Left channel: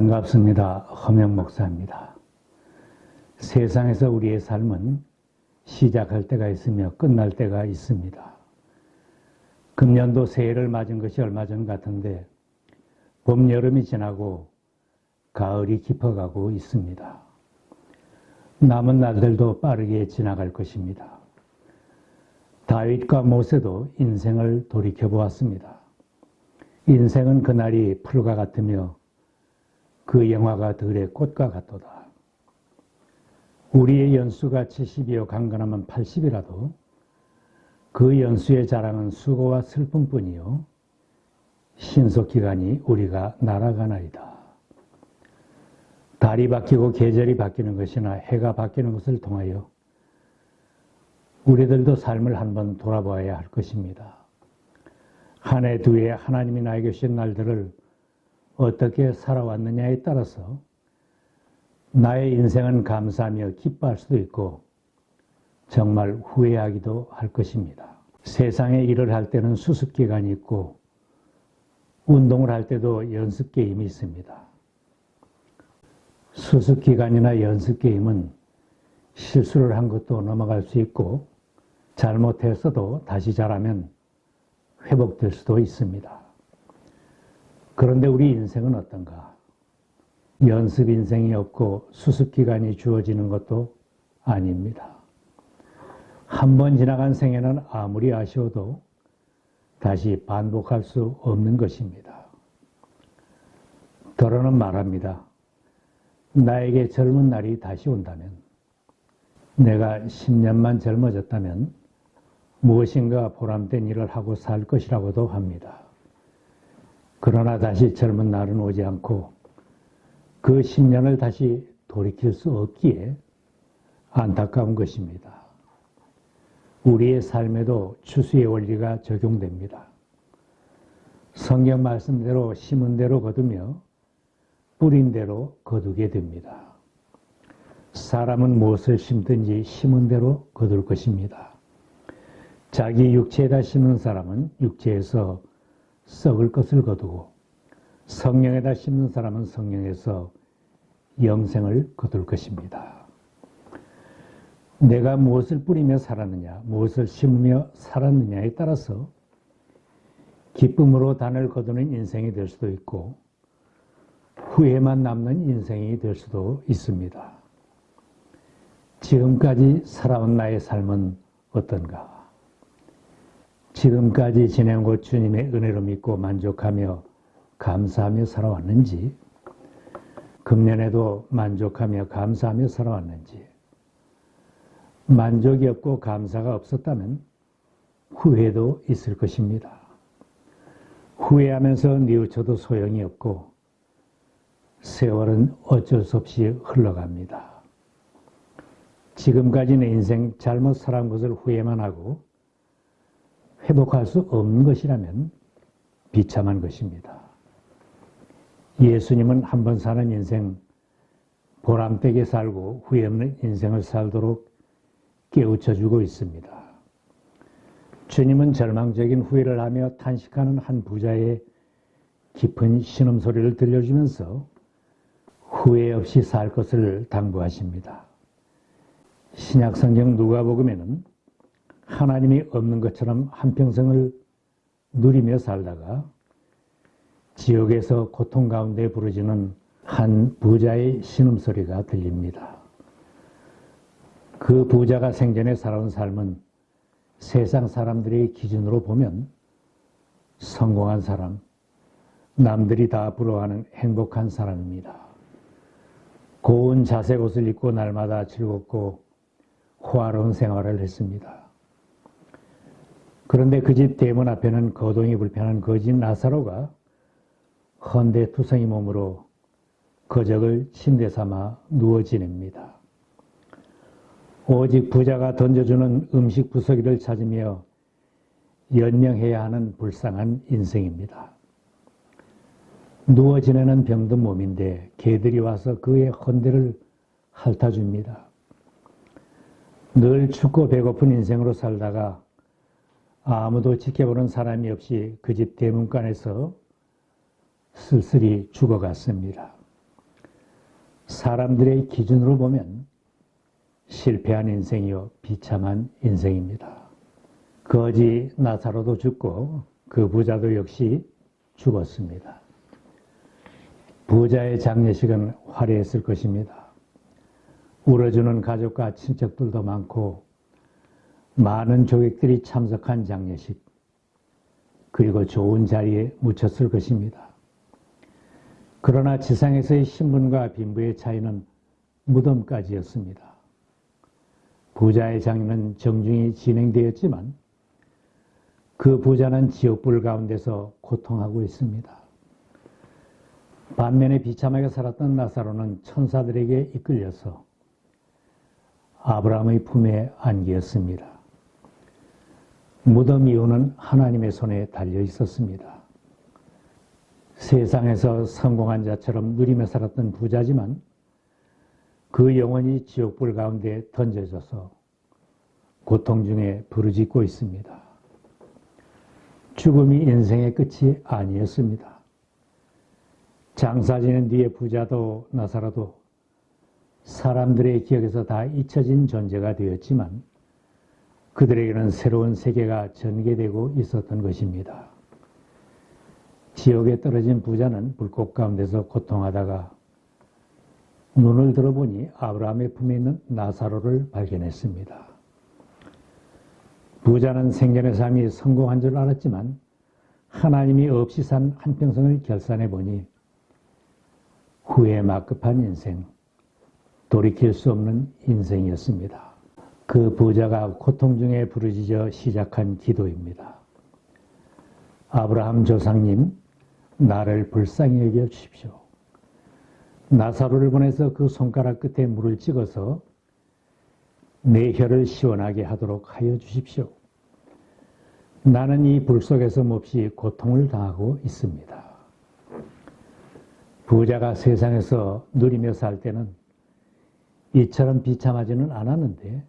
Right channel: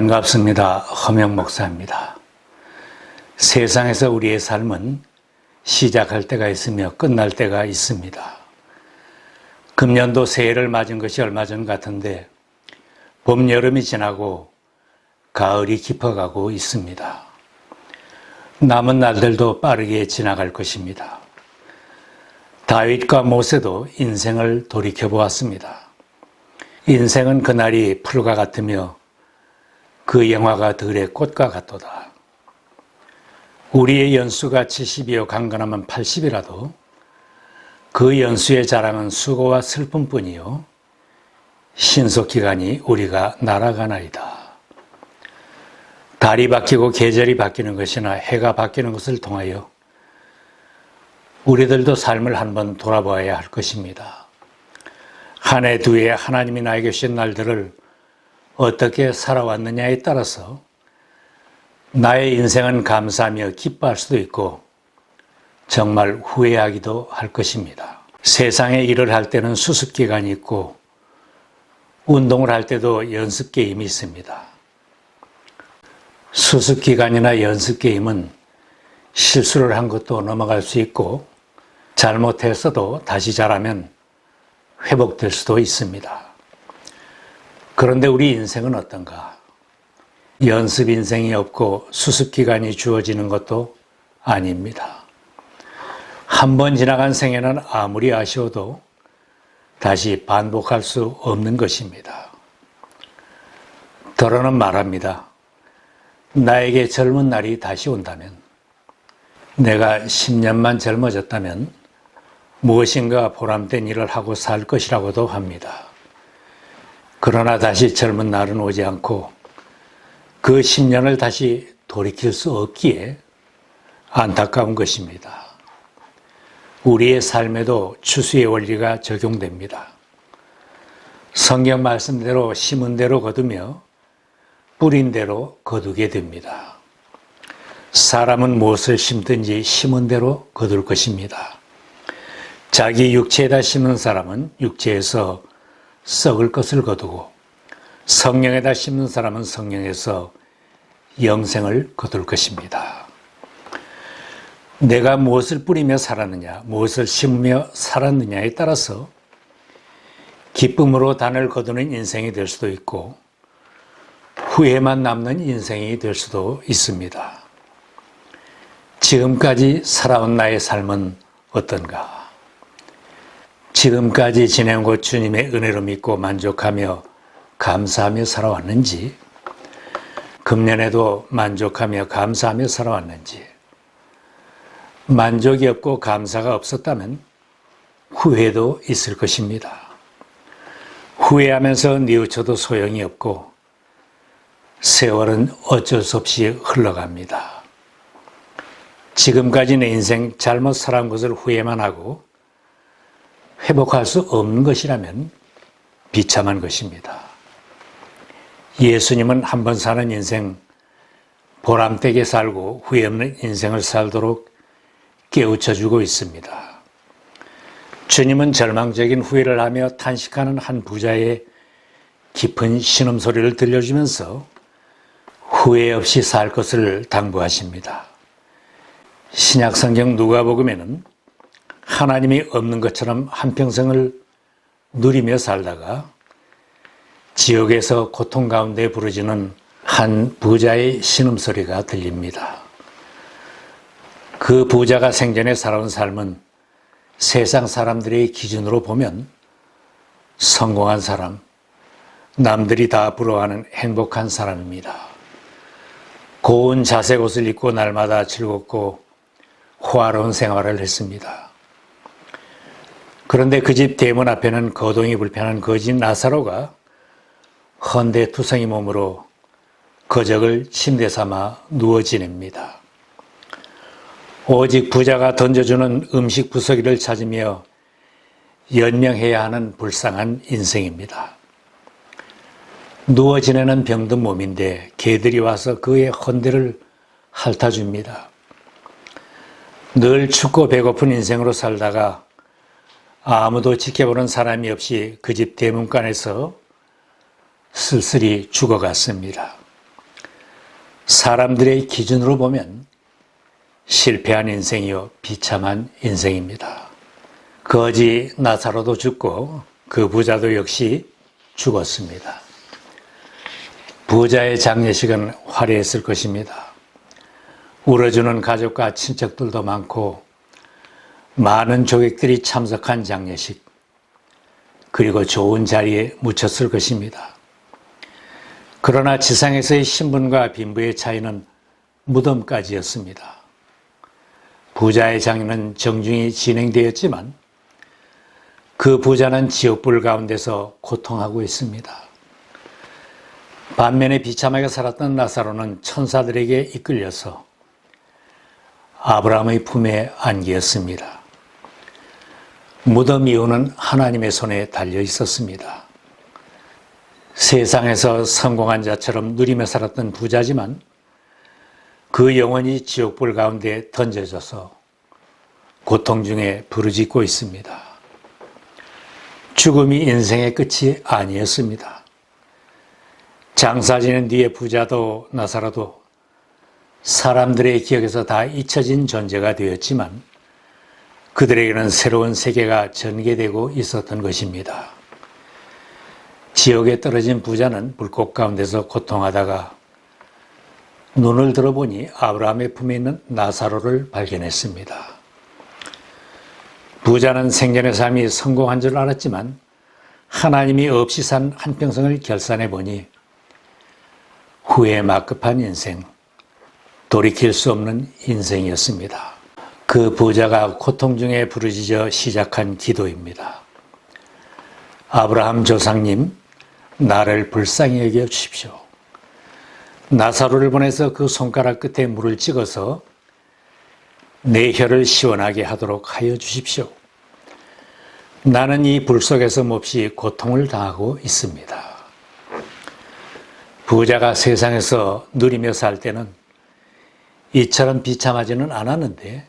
반갑습니다. 허명 목사입니다. 세상에서 우리의 삶은 시작할 때가 있으며 끝날 때가 있습니다. 금년도 새해를 맞은 것이 얼마 전 같은데 봄, 여름이 지나고 가을이 깊어가고 있습니다. 남은 날들도 빠르게 지나갈 것입니다. 다윗과 모세도 인생을 돌이켜보았습니다. 인생은 그날이 풀과 같으며 그 영화가 들의 꽃과 같도다. 우리의 연수가 70이요 강건하면 80이라도 그 연수의 자랑은 수고와 슬픔뿐이요 신속기간이 우리가 날아가나이다. 달이 바뀌고 계절이 바뀌는 것이나 해가 바뀌는 것을 통하여 우리들도 삶을 한번 돌아보아야 할 것입니다. 한 해, 두 해 하나님이 나에게 주신 날들을 어떻게 살아왔느냐에 따라서 나의 인생은 감사하며 기뻐할 수도 있고 정말 후회하기도 할 것입니다. 세상에 일을 할 때는 수습기간이 있고 운동을 할 때도 연습게임이 있습니다. 수습기간이나 연습게임은 실수를 한 것도 넘어갈 수 있고 잘못했어도 다시 잘하면 회복될 수도 있습니다. 그런데 우리 인생은 어떤가? 연습 인생이 없고 수습기간이 주어지는 것도 아닙니다. 한 번 지나간 생애는 아무리 아쉬워도 다시 반복할 수 없는 것입니다. 더러는 말합니다. 나에게 젊은 날이 다시 온다면, 내가 10년만 젊어졌다면 무엇인가 보람된 일을 하고 살 것이라고도 합니다. 그러나 다시 젊은 날은 오지 않고 그 10년을 다시 돌이킬 수 없기에 안타까운 것입니다. 우리의 삶에도 추수의 원리가 적용됩니다. 성경 말씀대로 심은 대로 거두며 뿌린 대로 거두게 됩니다. 사람은 무엇을 심든지 심은 대로 거둘 것입니다. 자기 육체에다 심는 사람은 육체에서 썩을 것을 거두고 성령에다 심는 사람은 성령에서 영생을 거둘 것입니다. 내가 무엇을 뿌리며 살았느냐, 무엇을 심으며 살았느냐에 따라서 기쁨으로 단을 거두는 인생이 될 수도 있고 후회만 남는 인생이 될 수도 있습니다. 지금까지 살아온 나의 삶은 어떤가? 지금까지 지낸 곳 주님의 은혜로 믿고 만족하며 감사하며 살아왔는지, 금년에도 만족하며 감사하며 살아왔는지, 만족이 없고 감사가 없었다면 후회도 있을 것입니다. 후회하면서 뉘우쳐도 소용이 없고 세월은 어쩔 수 없이 흘러갑니다. 지금까지 내 인생 잘못 살아온 것을 후회만 하고 회복할 수 없는 것이라면 비참한 것입니다. 예수님은 한 번 사는 인생 보람되게 살고 후회 없는 인생을 살도록 깨우쳐주고 있습니다. 주님은 절망적인 후회를 하며 탄식하는 한 부자의 깊은 신음소리를 들려주면서 후회 없이 살 것을 당부하십니다. 신약성경 누가복음에는 하나님이 없는 것처럼 한평생을 누리며 살다가 지옥에서 고통 가운데 부르짖는 한 부자의 신음소리가 들립니다. 그 부자가 생전에 살아온 삶은 세상 사람들의 기준으로 보면 성공한 사람, 남들이 다 부러워하는 행복한 사람입니다. 고운 자색 옷을 입고 날마다 즐겁고 호화로운 생활을 했습니다. 그런데 그 집 대문 앞에는 거동이 불편한 거지 나사로가 헌데 투성이 몸으로 거적을 침대 삼아 누워 지냅니다. 오직 부자가 던져주는 음식 부서기를 찾으며 연명해야 하는 불쌍한 인생입니다. 누워 지내는 병든 몸인데 개들이 와서 그의 헌데를 핥아줍니다. 늘 춥고 배고픈 인생으로 살다가 아무도 지켜보는 사람이 없이 그 집 대문간에서 쓸쓸히 죽어갔습니다. 사람들의 기준으로 보면 실패한 인생이요 비참한 인생입니다. 거지 나사로도 죽고 그 부자도 역시 죽었습니다. 부자의 장례식은 화려했을 것입니다. 울어주는 가족과 친척들도 많고 많은 조객들이 참석한 장례식, 그리고 좋은 자리에 묻혔을 것입니다. 그러나 지상에서의 신분과 빈부의 차이는 무덤까지였습니다. 부자의 장례는 정중히 진행되었지만 그 부자는 지옥불 가운데서 고통하고 있습니다. 반면에 비참하게 살았던 나사로는 천사들에게 이끌려서 아브라함의 품에 안기었습니다. 무덤 이후는 하나님의 손에 달려 있었습니다. 세상에서 성공한 자처럼 누리며 살았던 부자지만 그 영혼이 지옥불 가운데 던져져서 고통 중에 부르짖고 있습니다. 죽음이 인생의 끝이 아니었습니다. 장사 지낸 뒤에 부자도 나사로도 사람들의 기억에서 다 잊혀진 존재가 되었지만 그들에게는 새로운 세계가 전개되고 있었던 것입니다. 지옥에 떨어진 부자는 불꽃 가운데서 고통하다가 눈을 들어보니 아브라함의 품에 있는 나사로를 발견했습니다. 부자는 생전의 삶이 성공한 줄 알았지만 하나님이 없이 산 한평생을 결산해 보니 후회 막급한 인생, 돌이킬 수 없는 인생이었습니다. 그 부자가 고통 중에 부르짖어 시작한 기도입니다. 아브라함 조상님, 나를 불쌍히 여겨 주십시오. 나사로를 보내서 그 손가락 끝에 물을 찍어서 내 혀를 시원하게 하도록 하여 주십시오. 나는 이 불 속에서 몹시 고통을 당하고 있습니다. 부자가 세상에서 누리며 살 때는 이처럼 비참하지는 않았는데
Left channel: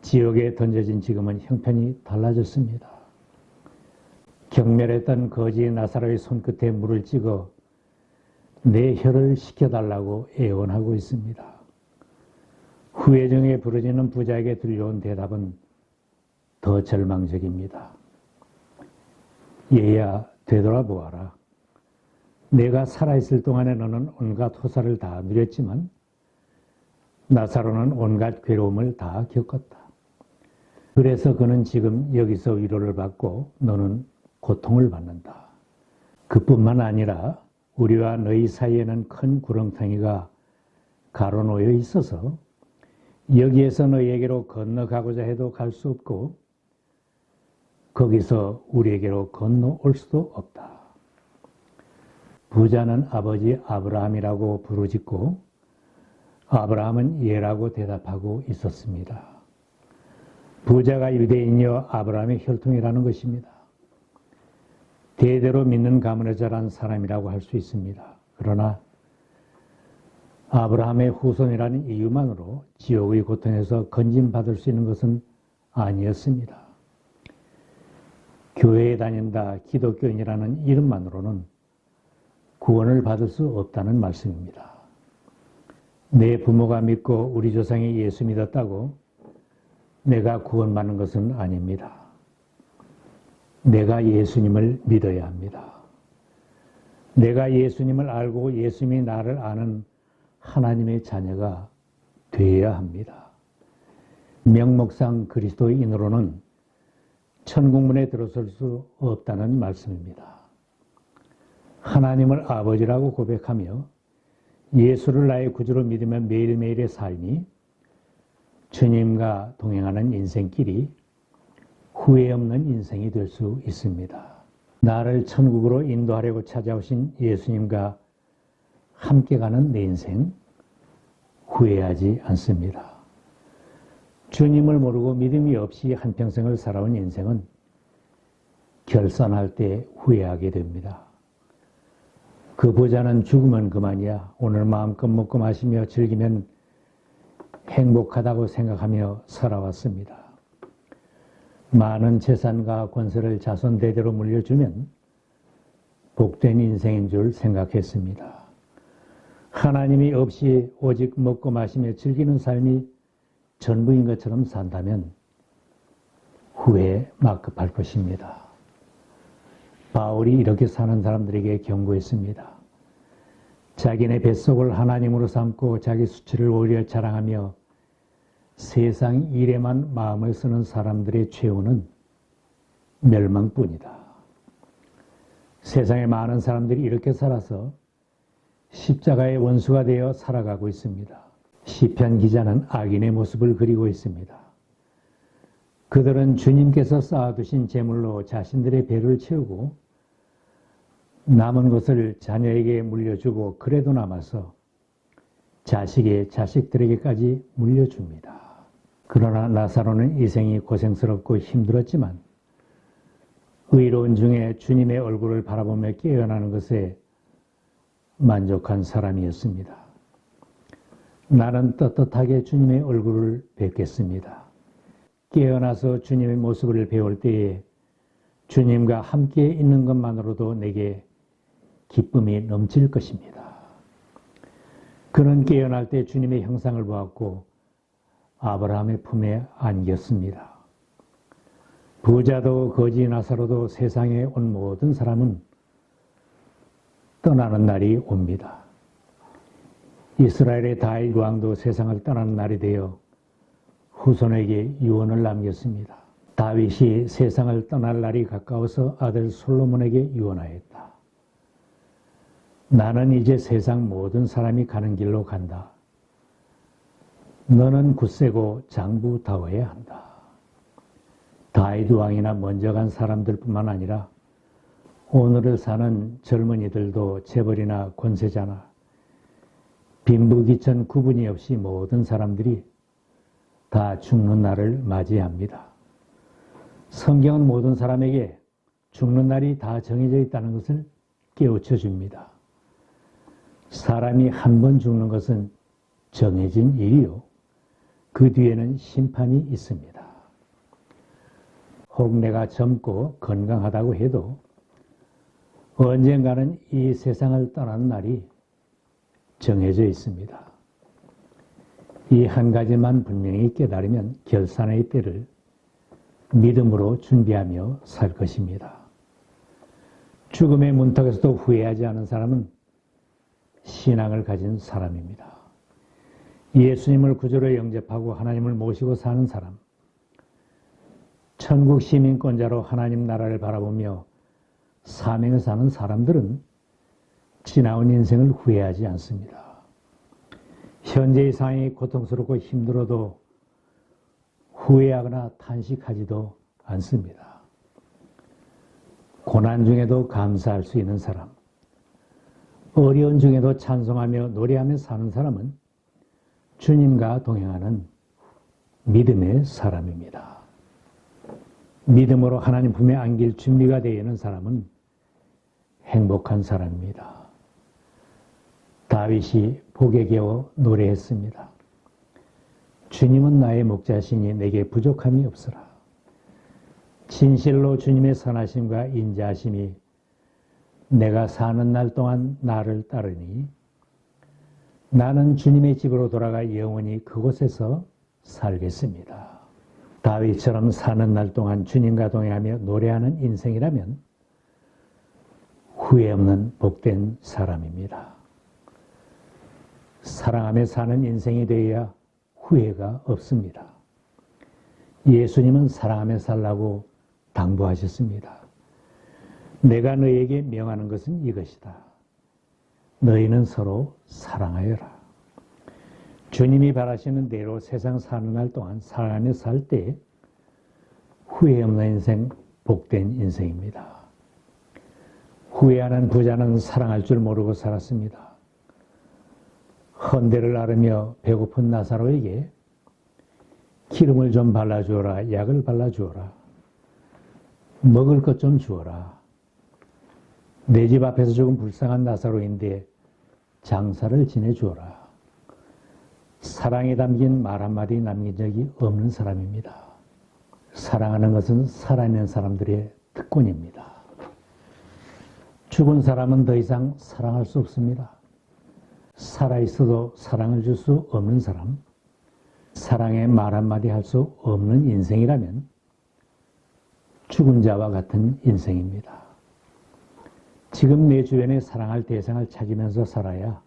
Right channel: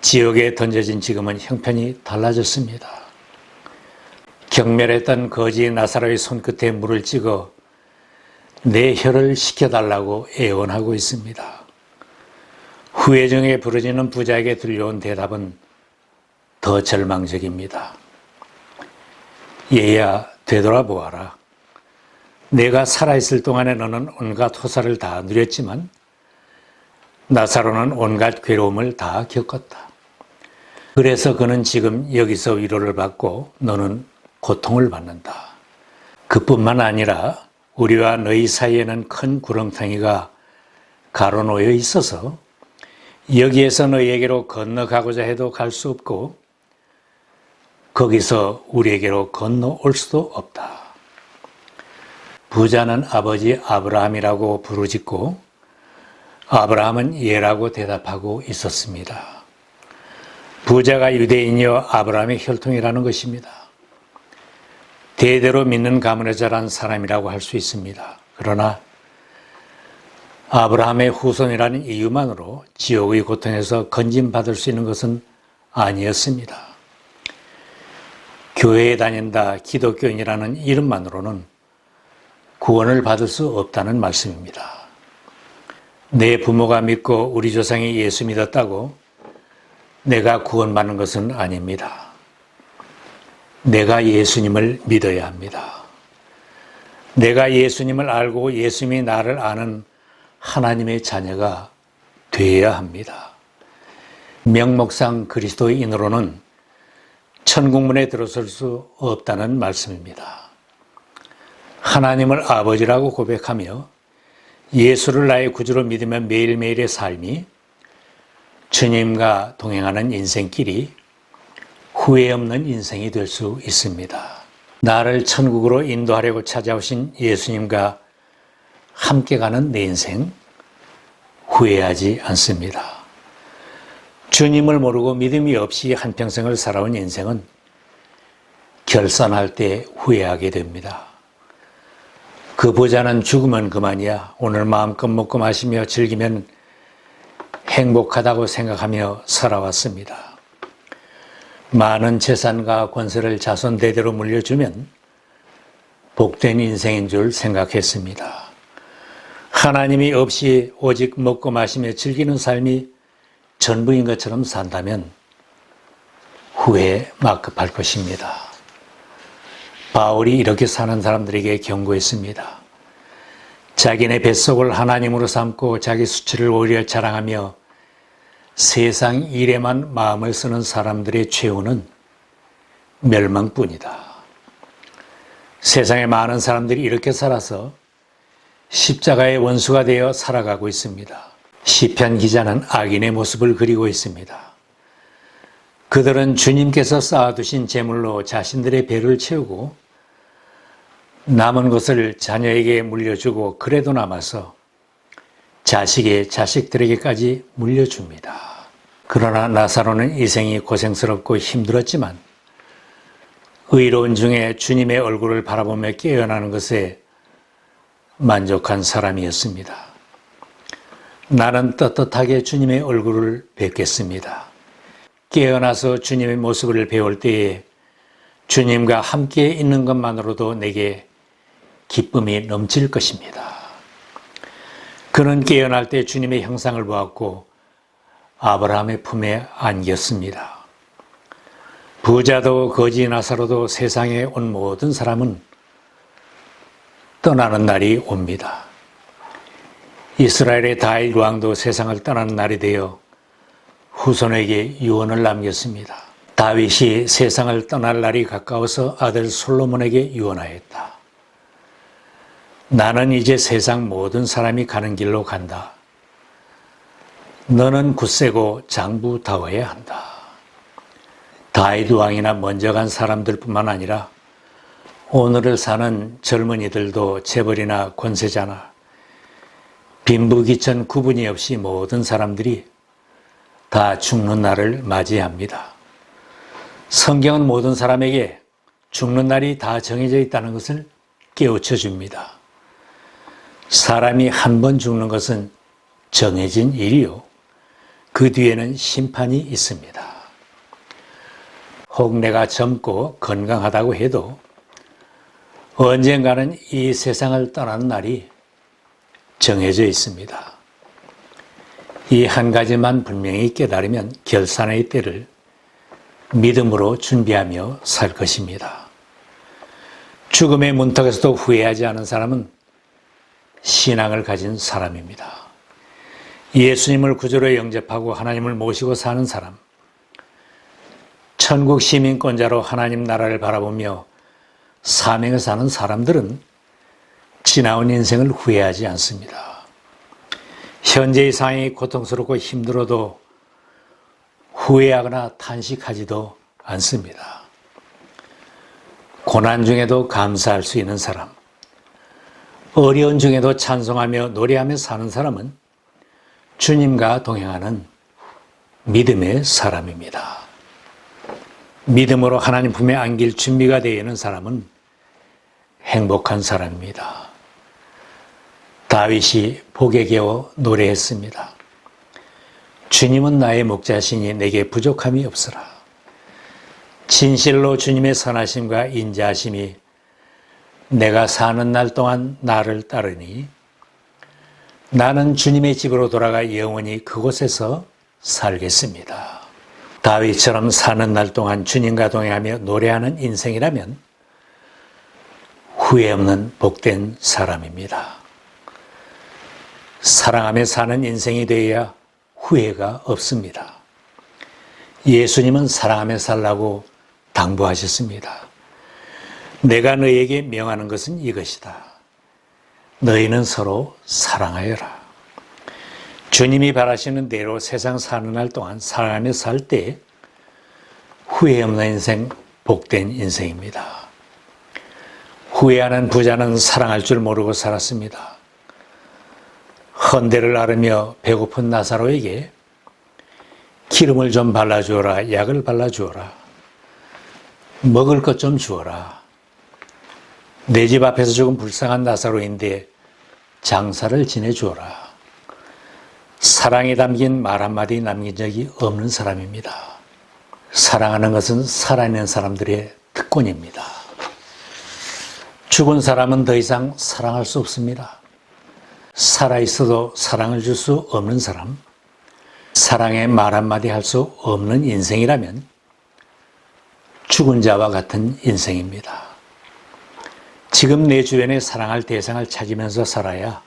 지옥에 던져진 지금은 형편이 달라졌습니다. 경멸했던 거지 나사로의 손끝에 물을 찍어 내 혀를 식혀달라고 애원하고 있습니다. 후회 중에 부르짖는 부자에게 들려온 대답은 더 절망적입니다. 얘야, 되돌아보아라. 내가 살아있을 동안에 너는 온갖 호사를 다 누렸지만 나사로는 온갖 괴로움을 다 겪었다. 그래서 그는 지금 여기서 위로를 받고 너는 고통을 받는다. 그뿐만 아니라 우리와 너희 사이에는 큰 구렁텅이가 가로놓여 있어서 여기에서 너희에게로 건너가고자 해도 갈 수 없고 거기서 우리에게로 건너올 수도 없다. 부자는 아버지 아브라함이라고 부르짖고 아브라함은 예라고 대답하고 있었습니다. 부자가 유대인이여 아브라함의 혈통이라는 것입니다. 대대로 믿는 가문에 자란 사람이라고 할 수 있습니다. 그러나 아브라함의 후손이라는 이유만으로 지옥의 고통에서 건진받을 수 있는 것은 아니었습니다. 교회에 다닌다, 기독교인이라는 이름만으로는 구원을 받을 수 없다는 말씀입니다. 내 부모가 믿고 우리 조상이 예수 믿었다고 내가 구원받는 것은 아닙니다. 내가 예수님을 믿어야 합니다. 내가 예수님을 알고 예수님이 나를 아는 하나님의 자녀가 되어야 합니다. 명목상 그리스도인으로는 천국문에 들어설 수 없다는 말씀입니다. 하나님을 아버지라고 고백하며 예수를 나의 구주로 믿으며 매일매일의 삶이 주님과 동행하는 인생길이 후회 없는 인생이 될 수 있습니다. 나를 천국으로 인도하려고 찾아오신 예수님과 함께 가는 내 인생 후회하지 않습니다. 주님을 모르고 믿음이 없이 한평생을 살아온 인생은 결산할 때 후회하게 됩니다. 그 부자는 죽으면 그만이야. 오늘 마음껏 먹고 마시며 즐기면 행복하다고 생각하며 살아왔습니다. 많은 재산과 권세를 자손 대대로 물려주면 복된 인생인 줄 생각했습니다. 하나님이 없이 오직 먹고 마시며 즐기는 삶이 전부인 것처럼 산다면 후회에 막급할 것입니다. 바울이 이렇게 사는 사람들에게 경고했습니다. 자기네 뱃속을 하나님으로 삼고 자기 수치를 오히려 자랑하며 세상 일에만 마음을 쓰는 사람들의 최후는 멸망뿐이다. 세상에 많은 사람들이 이렇게 살아서 십자가의 원수가 되어 살아가고 있습니다. 시편 기자는 악인의 모습을 그리고 있습니다. 그들은 주님께서 쌓아두신 재물로 자신들의 배를 채우고 남은 것을 자녀에게 물려주고 그래도 남아서 자식의 자식들에게까지 물려줍니다. 그러나 나사로는 인생이 고생스럽고 힘들었지만 의로운 중에 주님의 얼굴을 바라보며 깨어나는 것에 만족한 사람이었습니다. 나는 떳떳하게 주님의 얼굴을 뵙겠습니다. 깨어나서 주님의 모습을 배울 때에 주님과 함께 있는 것만으로도 내게 기쁨이 넘칠 것입니다. 그는 깨어날 때 주님의 형상을 보았고 아브라함의 품에 안겼습니다. 부자도 거지 나사로도 세상에 온 모든 사람은 떠나는 날이 옵니다. 이스라엘의 다윗 왕도 세상을 떠나는 날이 되어 후손에게 유언을 남겼습니다. 다윗이 세상을 떠날 날이 가까워서 아들 솔로몬에게 유언하였다. 나는 이제 세상 모든 사람이 가는 길로 간다. 너는 굳세고 장부다워야 한다. 다윗 왕이나 먼저 간 사람들뿐만 아니라 오늘을 사는 젊은이들도 재벌이나 권세자나 빈부귀천 구분이 없이 모든 사람들이 다 죽는 날을 맞이합니다. 성경은 모든 사람에게 죽는 날이 다 정해져 있다는 것을 깨우쳐 줍니다. 사람이 한 번 죽는 것은 정해진 일이요. 그 뒤에는 심판이 있습니다. 혹 내가 젊고 건강하다고 해도 언젠가는 이 세상을 떠나는 날이 정해져 있습니다. 이 한 가지만 분명히 깨달으면 결산의 때를 믿음으로 준비하며 살 것입니다. 죽음의 문턱에서도 후회하지 않은 사람은 신앙을 가진 사람입니다. 예수님을 구주로 영접하고 하나님을 모시고 사는 사람, 천국 시민권자로 하나님 나라를 바라보며 사명을 사는 사람들은 지나온 인생을 후회하지 않습니다. 현재의 상황이 고통스럽고 힘들어도 후회하거나 탄식하지도 않습니다. 고난 중에도 감사할 수 있는 사람, 어려운 중에도 찬송하며 노래하며 사는 사람은 주님과 동행하는 믿음의 사람입니다. 믿음으로 하나님 품에 안길 준비가 되어 있는 사람은 행복한 사람입니다. 다윗이 복에 겨워 노래했습니다. 주님은 나의 목자시니 내게 부족함이 없으라. 진실로 주님의 선하심과 인자하심이 내가 사는 날 동안 나를 따르니 나는 주님의 집으로 돌아가 영원히 그곳에서 살겠습니다. 다윗처럼 사는 날 동안 주님과 동행하며 노래하는 인생이라면 후회 없는 복된 사람입니다. 사랑하며 사는 인생이 되어야 후회가 없습니다. 예수님은 사랑하며 살라고 당부하셨습니다. 내가 너희에게 명하는 것은 이것이다. 너희는 서로 사랑하여라. 주님이 바라시는 대로 세상 사는 날 동안 사랑하며 살 때 후회 없는 인생, 복된 인생입니다. 후회하는 부자는 사랑할 줄 모르고 살았습니다. 헌대를 앓으며 배고픈 나사로에게 기름을 좀 발라주어라, 약을 발라주어라, 먹을 것 좀 주어라. 내 집 앞에서 죽은 불쌍한 나사로인데 장사를 지내주어라. 사랑이 담긴 말 한마디 남긴 적이 없는 사람입니다. 사랑하는 것은 살아있는 사람들의 특권입니다. 죽은 사람은 더 이상 사랑할 수 없습니다. 살아있어도 사랑을 줄 수 없는 사람, 사랑의 말 한마디 할 수 없는 인생이라면 죽은 자와 같은 인생입니다. 지금 내 주변에 사랑할 대상을 찾으면서 살아야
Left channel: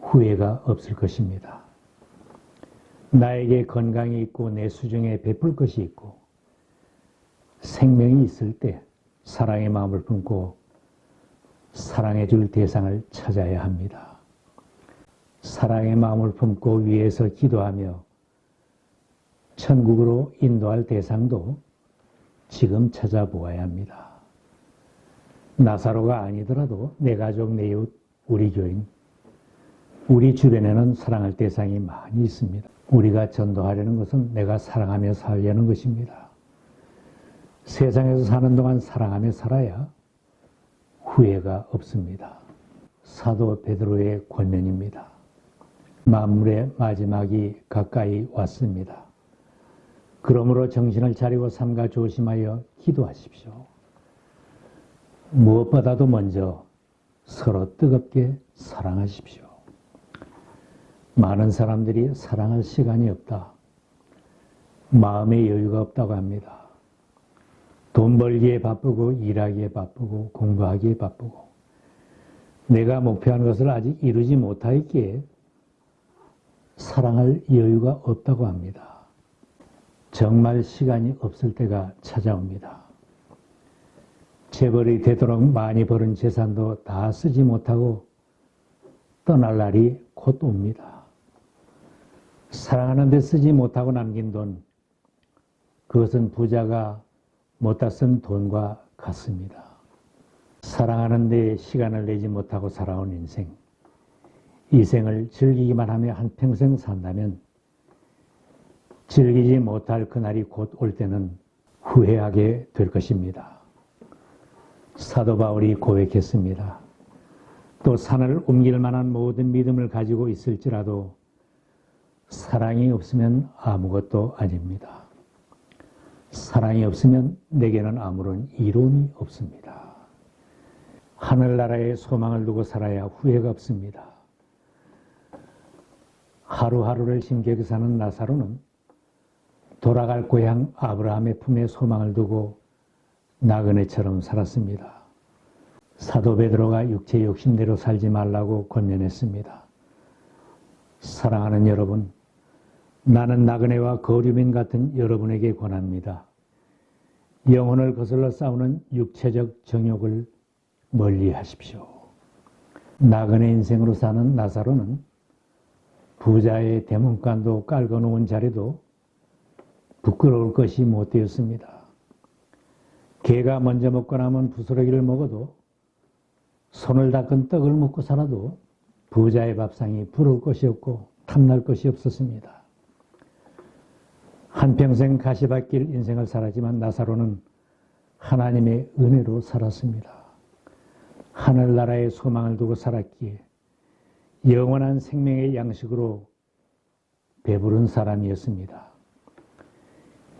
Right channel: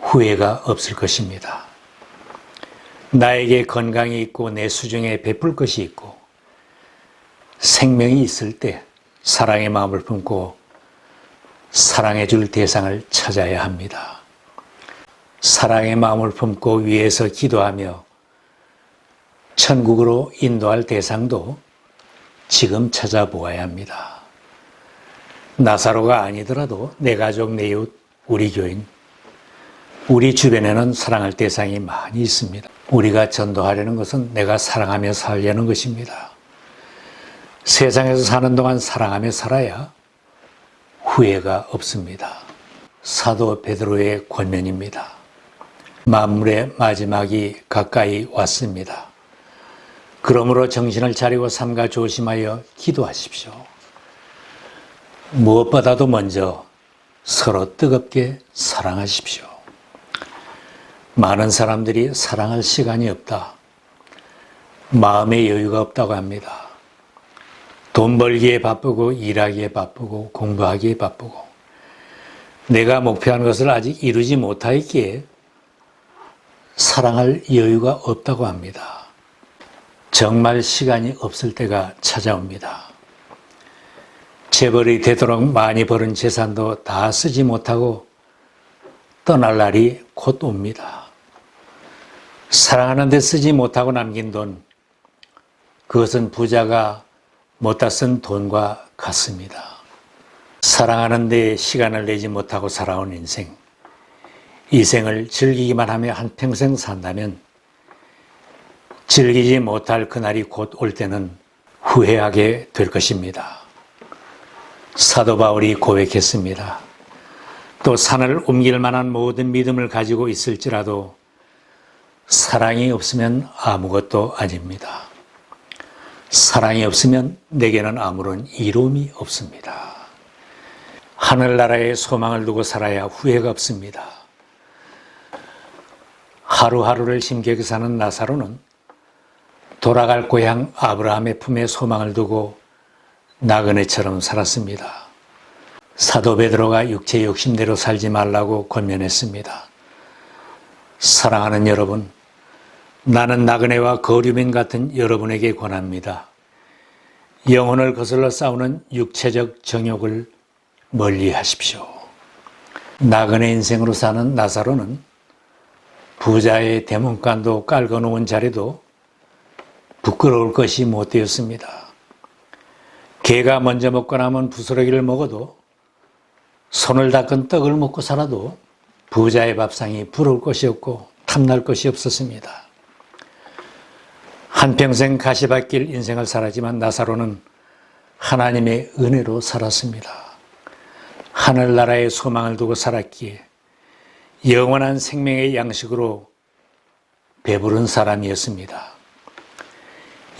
후회가 없을 것입니다. 나에게 건강이 있고 내 수중에 베풀 것이 있고 생명이 있을 때 사랑의 마음을 품고 사랑해 줄 대상을 찾아야 합니다. 사랑의 마음을 품고 위에서 기도하며 천국으로 인도할 대상도 지금 찾아보아야 합니다. 나사로가 아니더라도 내 가족, 내 이웃, 우리 교인, 우리 주변에는 사랑할 대상이 많이 있습니다. 우리가 전도하려는 것은 내가 사랑하며 살려는 것입니다. 세상에서 사는 동안 사랑하며 살아야 후회가 없습니다. 사도 베드로의 권면입니다. 만물의 마지막이 가까이 왔습니다. 그러므로 정신을 차리고 삼가 조심하여 기도하십시오. 무엇보다도 먼저 서로 뜨겁게 사랑하십시오. 많은 사람들이 사랑할 시간이 없다. 마음의 여유가 없다고 합니다. 돈 벌기에 바쁘고 일하기에 바쁘고 공부하기에 바쁘고 내가 목표한 것을 아직 이루지 못하였기에 사랑할 여유가 없다고 합니다. 정말 시간이 없을 때가 찾아옵니다. 재벌이 되도록 많이 벌은 재산도 다 쓰지 못하고 떠날 날이 곧 옵니다. 사랑하는 데 쓰지 못하고 남긴 돈, 그것은 부자가 못다 쓴 돈과 같습니다. 사랑하는 데 시간을 내지 못하고 살아온 인생, 이 생을 즐기기만 하며 한평생 산다면 즐기지 못할 그날이 곧 올 때는 후회하게 될 것입니다. 사도 바울이 고백했습니다. 또 산을 옮길 만한 모든 믿음을 가지고 있을지라도 사랑이 없으면 아무것도 아닙니다. 사랑이 없으면 내게는 아무런 이로움이 없습니다. 하늘나라에 소망을 두고 살아야 후회가 없습니다. 하루하루를 힘겹게 사는 나사로는 돌아갈 고향 아브라함의 품에 소망을 두고 나그네처럼 살았습니다. 사도 베드로가 육체 욕심대로 살지 말라고 권면했습니다. 사랑하는 여러분, 나는 나그네와 거류민 같은 여러분에게 권합니다. 영혼을 거슬러 싸우는 육체적 정욕을 멀리 하십시오. 나그네 인생으로 사는 나사로는 부자의 대문간도 깔거놓은 자리도 부끄러울 것이 못 되었습니다. 개가 먼저 먹고 남은 부스러기를 먹어도 손을 닦은 떡을 먹고 살아도 부자의 밥상이 부러울 것이 없고 탐날 것이 없었습니다. 한평생 가시밭길 인생을 살았지만 나사로는 하나님의 은혜로 살았습니다. 하늘나라에 소망을 두고 살았기에 영원한 생명의 양식으로 배부른 사람이었습니다.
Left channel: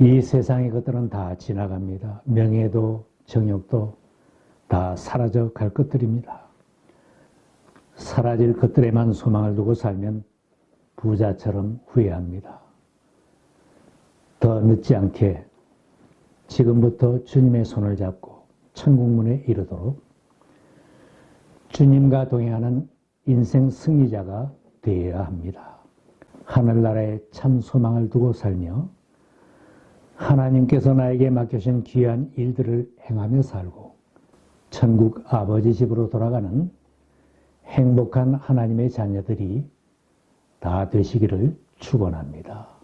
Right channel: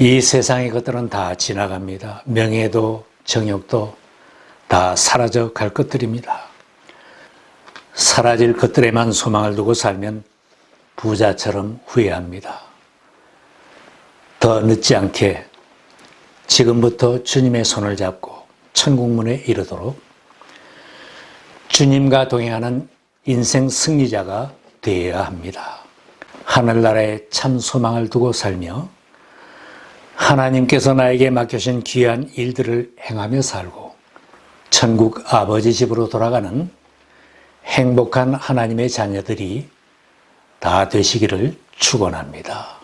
이 세상의 것들은 다 지나갑니다. 명예도 정욕도 다 사라져 갈 것들입니다. 사라질 것들에만 소망을 두고 살면 부자처럼 후회합니다. 더 늦지 않게 지금부터 주님의 손을 잡고 천국문에 이르도록 주님과 동행하는 인생 승리자가 되어야 합니다. 하늘나라에 참 소망을 두고 살며 하나님께서 나에게 맡겨주신 귀한 일들을 행하며 살고 천국 아버지 집으로 돌아가는 행복한 하나님의 자녀들이 다 되시기를 축원합니다.